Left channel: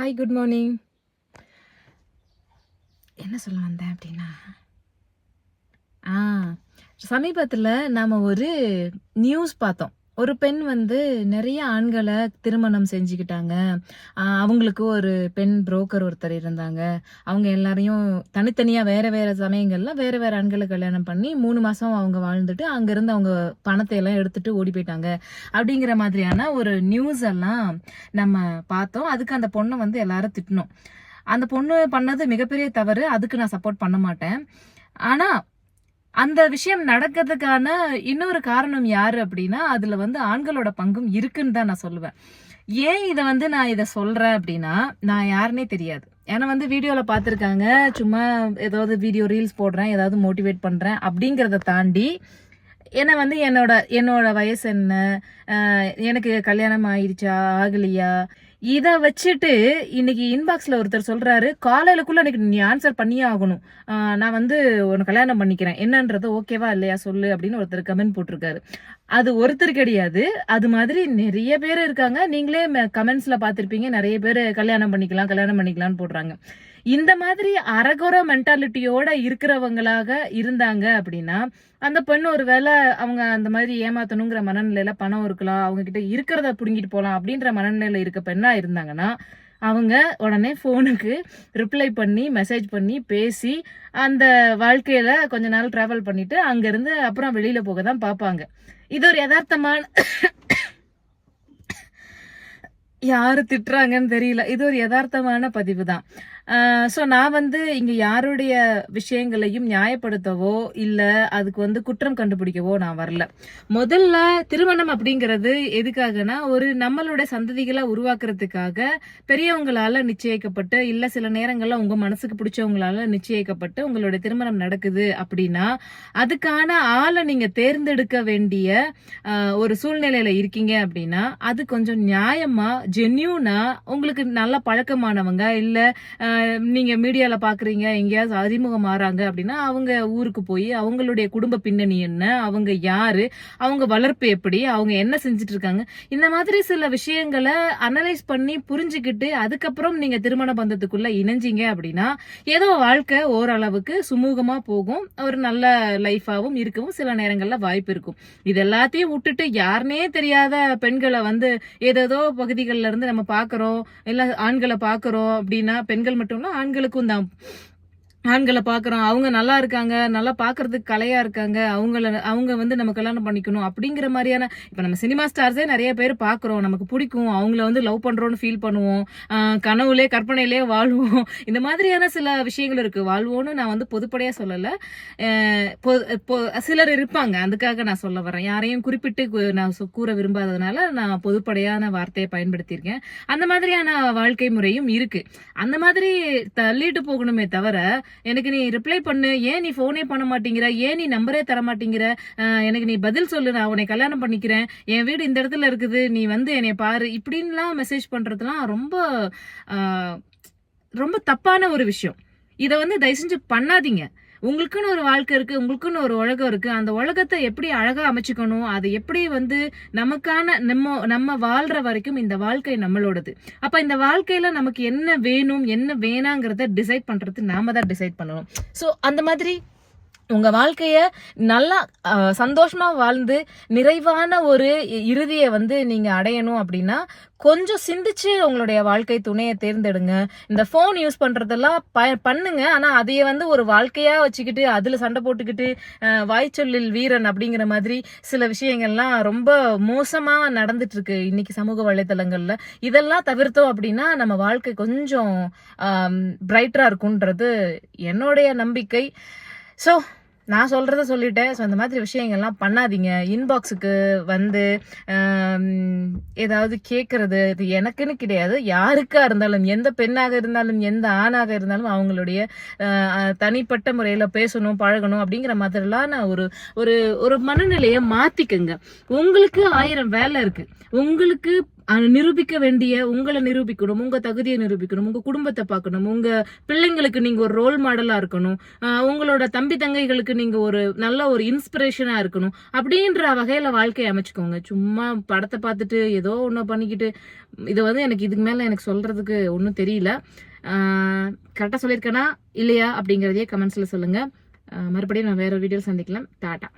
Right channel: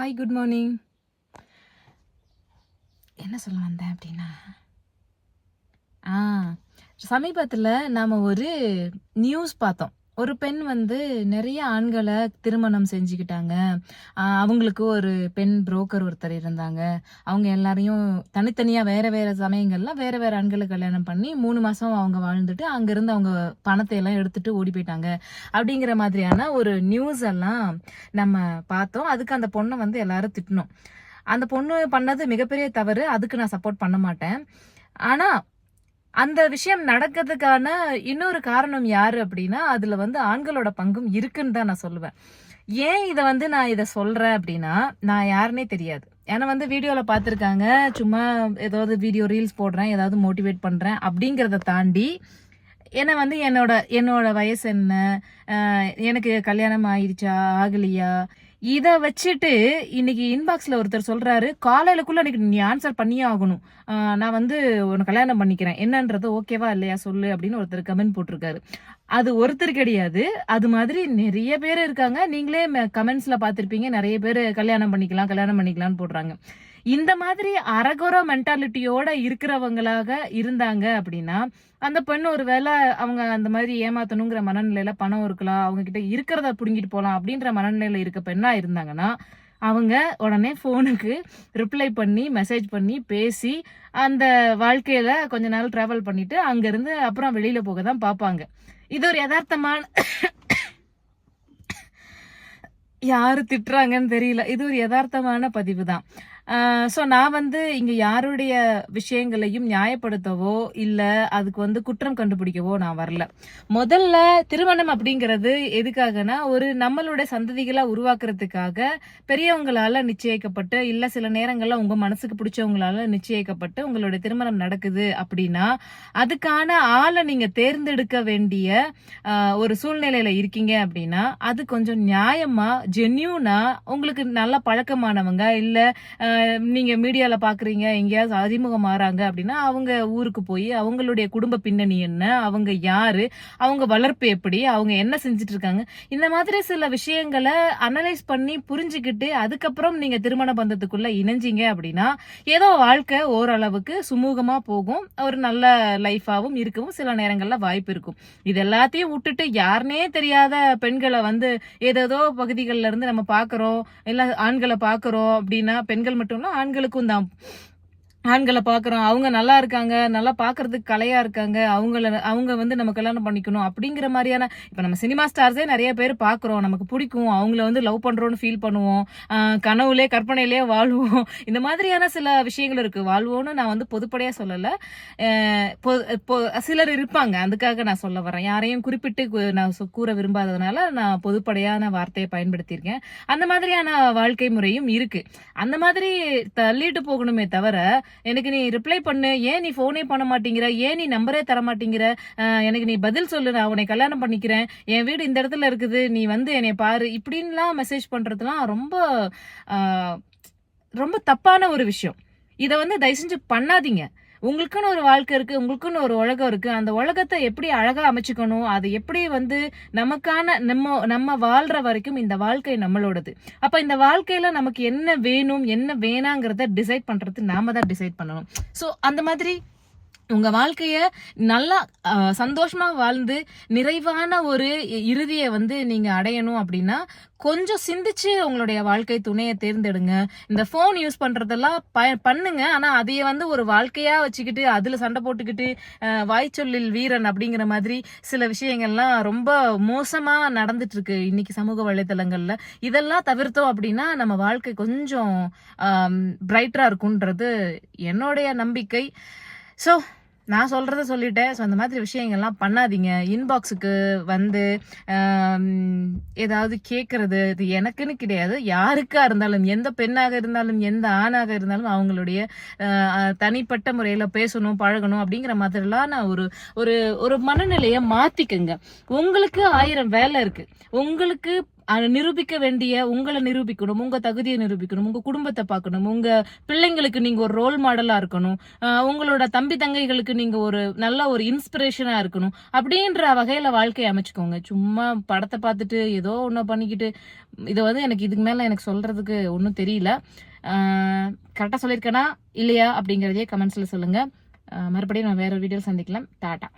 Hi, good morning. என்ன சொல்ல வந்தேன் அப்படின்னா, ஆ சமீபத்தில் நாம் ஒரு நியூஸ் பார்த்தோம். ஒரு பெண் வந்து நிறைய ஆண்களை திருமணம் செஞ்சுக்கிட்டாங்க. அவங்களுக்கு ஒரு பெண் புரோக்கர் ஒருத்தர் இருந்தாங்க. அவங்க எல்லாரையும் தனித்தனியாக வேறு வேறு சமயங்களில் வேறு வேறு ஆண்களை கல்யாணம் பண்ணி 3 மாதம் அவங்க வாழ்ந்துட்டு அங்கேருந்து அவங்க பணத்தை எல்லாம் எடுத்துட்டு ஓடி போயிட்டாங்க. அப்படிங்கிற மாதிரியான ஒரு நியூஸ் எல்லாம் நம்ம பார்த்தோம். அதுக்கு அந்த பொண்ணை வந்து எல்லாரும் திட்டினோம். அந்த பொண்ணு பண்ணது மிகப்பெரிய தவறு. அதுக்கு நான் சப்போர்ட் பண்ண மாட்டேன். ஆனா அந்த விஷயம் நடக்கிறதுக்கான இன்னொரு காரணம் யாரு அப்படின்னா, அதுல வந்து ஆண்களோட பங்கும் இருக்குன்னு தான் நான் சொல்லுவேன். ஏன் நான் இத சொல்றேன் அப்படின்னா, நான் யாருன்னே தெரியாது. ஏன்னா வந்து வீடியோல பார்த்துருக்காங்க. சும்மா ஏதாவது வீடியோ ரீல்ஸ் போடுறேன், ஏதாவது மோட்டிவேட் பண்றேன் அப்படிங்கிறத தாண்டி என்ன வந்து என்னோட வயசு என்ன, எனக்கு கல்யாணம் ஆயிடுச்சா ஆகலையா, இத வச்சுட்டு இன்னைக்கு இன்பாக்ஸ்ல ஒருத்தர் சொல்றாரு, காலையிலக்குள்ள இன்னைக்கு நீ ஆன்சர் பண்ணியே ஆகணும். நான் வந்து உன்னை கல்யாணம் பண்ணிக்கிறேன், என்னன்றது ஓகேவா இல்லையா சொல்லு அப்படின்னு ஒருத்தர் கமெண்ட் போட்டிருக்காரு. அது ஒருத்தர் கிடையாது, அது மாதிரி நிறைய பேர் இருக்காங்க. நீங்களே கமெண்ட்ஸ்ல பார்த்திருப்பீங்க, நிறைய பேர் கல்யாணம் பண்ணிக்கலாம்னு போடுறாங்க. இந்த மாதிரி அரகுற மென்டாலிட்டியோட இருக்கிறவங்களாக இருந்தாங்க அப்படின்னா, அந்த பெண் ஒருவேளை அவங்க அந்த மாதிரி ஏமாத்தணுங்கிற மனநிலையில பணம் இருக்கலாம், அவங்க கிட்ட இருக்கிறத புடுங்கிட்டு போலாம் அப்படின்ற மனநிலையில இருக்க பெண்ணா இருந்தாங்கன்னா, அவங்க உடனே போனுக்கு ரிப்ளை பண்ணி மெசேஜ் பண்ணி பேசி அந்த வாழ்க்கையில கொஞ்ச நாள் டிராவல் பண்ணிட்டு அங்க இருந்து அப்புறம் வெளியில போக தான் பாப்பாங்க. இது ஒரு யதார்த்தமான யாரு திட்டுறாங்கன்னு தெரியல. இது ஒரு யதார்த்தமான பதிவு தான். ஸோ நான் வந்து இங்க யாருடைய விஷயங்களையும் நியாயப்படுத்தவோ இல்ல அதுக்கு வந்து குற்றம் கண்டுபிடிக்கவோ நான் வரல. முதல்ல திருமணம் அப்படிங்கிறது எதுக்காகனா, ஒரு நம்மளோட சந்ததிகளை உருவாக்குறதுக்காக பெரியவங்களால நிச்சயிக்கப்பட்டு, இல்ல சில நேரங்கள்ல உங்க மனசுக்கு பிடிச்சவங்களால நிச்சயிக்கப்பட்டு உங்களுடைய திருமணம் நடக்குது அப்படின்னா, அதுக்கான ஆளை நீங்க தேர்ந்தெடுக்க வேண்டிய ஒரு சூழ்நிலையில இருக்கீங்க அப்படின்னா, அது கொஞ்சம் நியாயமா ஜென்யூனா உங்களுக்கு நல்ல பழக்கமானவங்க, இல்ல நீங்க மீடியால பாக்குறீங்க எங்கேயாவது அறிமுகம் ஆறாங்க அப்படின்னா, அவங்க ஊருக்கு போய் அவங்களுடைய குடும்ப பின்னணி என்ன, அவங்க யாரு, அவங்க வளர்ப்பு எப்படி, அவங்க என்ன செஞ்சுட்டு இருக்காங்க, இந்த மாதிரி சில விஷயங்களை அனலைஸ் பண்ணி புரிஞ்சுக்கிட்டு அதுக்கப்புறம் நீங்க திருமண பந்தத்துக்குள்ள இணைஞ்சிங்க அப்படின்னா, ஏதோ வாழ்க்கை ஓரளவுக்கு சுமூகமா போகும், ஒரு நல்ல லைஃபாவும் இருக்கவும் சில நேரங்கள்ல வாய்ப்பு இருக்கும். இது எல்லாத்தையும் விட்டுட்டு யாருனே தெரியாத பெண்களை வந்து ஏதேதோ பகுதிகளில இருந்து நம்ம பாக்குறோம், இல்ல ஆண்களை பாக்குறோம் அப்படின்னா, பெண்கள் மட்டும் இல்ல ஆண்களுக்கும் தான். ஆண்களை பாக்குறோம், அவங்க நல்லா இருக்காங்க, நல்லா பாக்குறதுக்கு கலையா இருக்காங்க, அவங்க வந்து நம்ம கல்யாணம் பண்ணிக்கணும் அப்படிங்கிற மாதிரியான, இப்ப நம்ம சினிமா ஸ்டார்ஸே நிறைய பேர் பாக்குறோம், நமக்கு பிடிக்கும், அவங்கள வந்து லவ் பண்றோம்னு ஃபீல் பண்ணுவோம், கனவுலே கற்பனையிலே வாழ்வோம். இந்த மாதிரியான சில விஷயங்கள் இருக்கு. வாழ்வோம்னு நான் வந்து பொதுப்படையா சொல்லல, சிலர் இருப்பாங்க, அதுக்காக நான் சொல்ல வரேன். யாரையும் குறிப்பிட்டு நான் கூற விரும்பாததுனால நான் பொதுப்படையான வார்த்தையை பயன்படுத்தியிருக்கேன். அந்த மாதிரியான வாழ்க்கை முறையும் இருக்கு. அந்த மாதிரி தள்ளிட்டு போகணுமே தவிர, எனக்கு நீ ரிப்ளை பண்ணு, ஏன் நீ போனே பண்ண மாட்டேங்கிற, ஏன் நீ நம்பரே தர மாட்டேங்கிற, எனக்கு நீ பதில் சொல்லு, நான் உன்னை கல்யாணம் பண்ணிக்கிறேன், என் வீடு இந்த இடத்துல இருக்குது, நீ வந்து என்னை பாரு, இப்படின்லாம் மெசேஜ் பண்றதுலாம் ரொம்ப ரொம்ப தப்பான ஒரு விஷயம். இதை வந்து தயவு செஞ்சு பண்ணாதீங்க. உங்களுக்குன்னு ஒரு வாழ்க்கை இருக்கு, உங்களுக்குன்னு ஒரு உலகம் இருக்கு. அந்த உலகத்தை எப்படி அழகா அமைச்சுக்கணும், அது எப்படி வந்து நமக்கான நம்ம வாழ்ற வரைக்கும் இந்த வாழ்க்கை நம்மளோடது. அப்ப இந்த வாழ்க்கையில நமக்கு என்ன வேணும் என்ன வேணாங்கிறத டிசைட் பண்றது நாம தான் டிசைட் பண்ணணும். சோ அந்த மாதிரி உங்க வாழ்க்கைய நல்லா சந்தோஷமா வாழ்ந்து நிறைவான ஒரு இறுதியை வந்து நீங்க அடையணும் அப்படின்னா, கொஞ்சம் சிந்திச்சு உங்களுடைய வாழ்க்கை துணையை தேர்ந்தெடுங்க. இந்த போன் யூஸ் பண்றதெல்லாம் பண்ணுங்க. ஆனா அதைய வந்து ஒரு வாழ்க்கையா வச்சுக்கிட்டு அதுல சண்டை போட்டுக்கிட்டு வாய்ச்சொல்லில் வீரன் அப்படிங்கிற மாதிரி சில விஷயங்கள்லாம் ரொம்ப மோசமா நடந்துட்டு இருக்கு இன்னைக்கு சமூக வலைதளங்கள்ல. இதெல்லாம் தவிர்த்தோம் அப்படின்னா நம்ம வாழ்க்கை கொஞ்சம் பிரைட்டரா இருக்கும்ன்றது என்னுடைய நம்பிக்கை. ஸோ நான் சொல்றத சொல்லிட்டேன். ஸோ அந்த மாதிரி விஷயங்கள்லாம் பண்ணாதீங்க. இன்பாக்ஸுக்கு வந்து ஏதாவது கேட்கறது, இது எனக்குன்னு கிடையாது, யாருக்கா இருந்தாலும், எந்த பெண்ணாக இருந்தாலும் எந்த ஆணாக இருந்தாலும் அவங்களுடைய தனிப்பட்ட முறையில பேசணும் பழகணும் அப்படிங்கிற மாதிரிலாம் நான் ஒரு ஒரு மனநிலையை மாத்திக்குங்க. உங்களுக்கு 1000 வேலை இருக்கு. உங்களுக்கு நிரூபிக்க வேண்டிய உங்களை நிரூபிக்கணும், உங்க தகுதியை நிரூபிக்கணும், உங்க குடும்பத்தை பார்க்கணும், உங்க பிள்ளைங்களுக்கு நீங்க ஒரு ரோல் மாடலா இருக்கணும், உங்களோட தம்பி தங்கைகளுக்கு நீங்க ஒரு நல்ல ஒரு இன்ஸ்பிரேஷனா இருக்கணும். அப்படின்ற வகையில வாழ்க்கையை அமைச்சுக்கோங்க. சும்மா படத்தை பார்த்துட்டு ஏதோ ஒண்ணு பண்ணிக்கிட்டு இது வந்து எனக்கு இதுக்கு மேல எனக்கு சொல்றதுக்கு ஒன்றும் தெரியல. கரெக்டா சொல்லியிருக்கேனா இல்லையா அப்படிங்கறதையே கமெண்ட்ஸ்ல சொல்லுங்க. மறுபடியும் நான் வேற வீடியோ சந்திக்கலாம். டாடா.